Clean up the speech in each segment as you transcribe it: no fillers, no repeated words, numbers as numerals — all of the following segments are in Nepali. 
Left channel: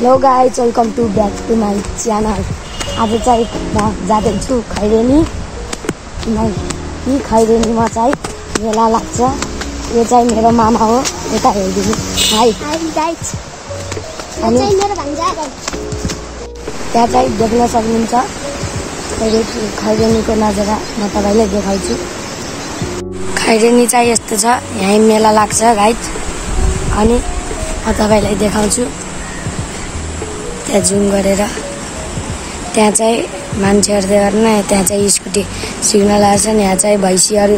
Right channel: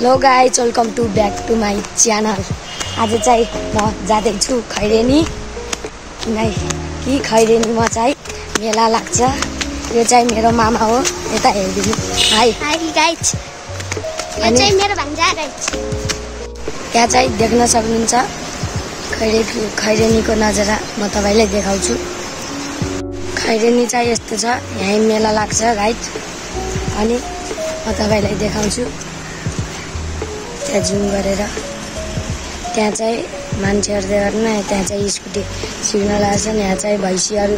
Hello guys, welcome to back to my channel. आज चाहिँ म जाँदैछु खैरेनी कि खैरेनीमा चाहिँ मेला लाग्छ। यो चाहिँ मेरो मामा हो, यता हेरिदिनु। हाई गाइज, यो चाहिँ मेरो भान्जा गाइज। त्यहाँ चाहिँ देख्न सक्नुहुन्छ खैरेनीको नजारा म तपाईलाई देखाउँछु। खैरेनी चाहिँ यस्तो छ, यहीँ मेला लाग्छ गाइज। अनि म तपाईलाई देखाउँछु। त्यहाँ जुम गरेर त्यहाँ चाहिँ मान्छेहरू देख्दैन, त्यहाँ चाहिँ स्कुटी सिग्नल छन्, यहाँ चाहिँ भैँसीहरू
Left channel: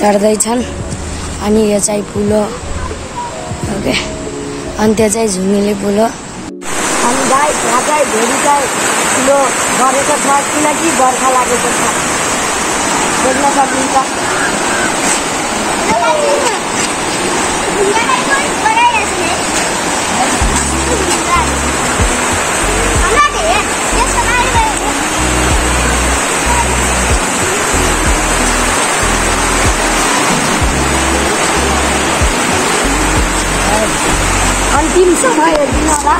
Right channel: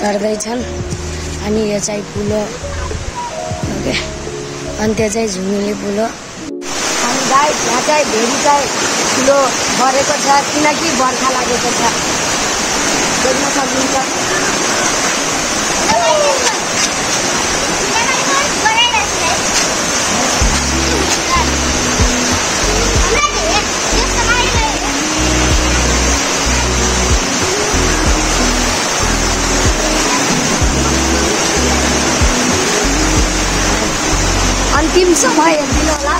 चढ्दैछन्। अनि यो चाहिँ पुलो ओके, अनि त्यो चाहिँ झुङ्गिले पुलो। अनि गाइस यहाँ चाहिँ भेरी चाहिँ ठुलो बढेको छ, किनकि बर्खा लागेको छ, देख्न सकिन्छ। अन्तिम समय हेरिदिनु होला।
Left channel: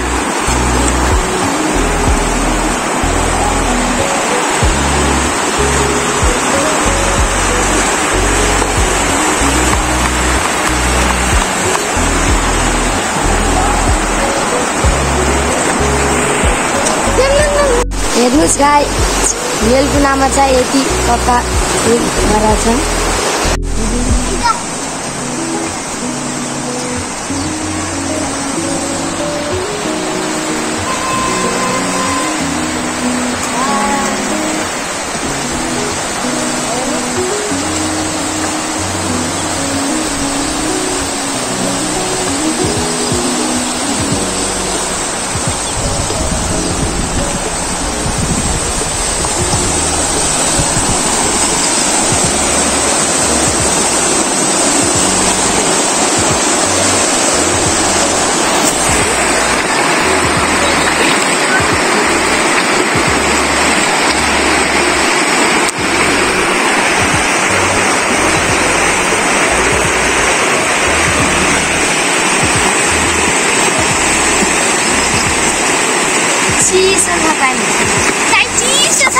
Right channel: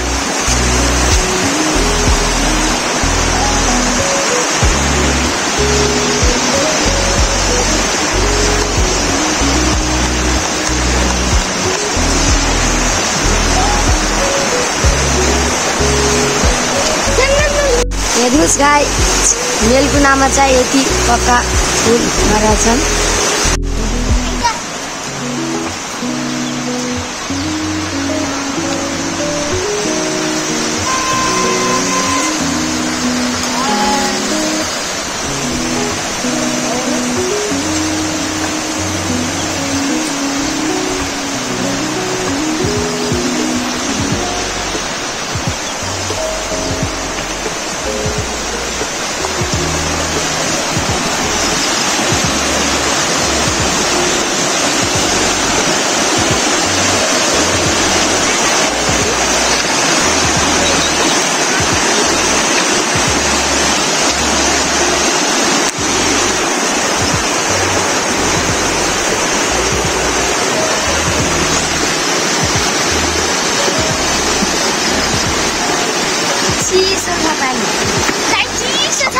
हेर्नुहोस् गाई, मेलकुनामा चाहिँ यति पक्का फुल भएका छन्। चिसो छ पानी, चिसो छ।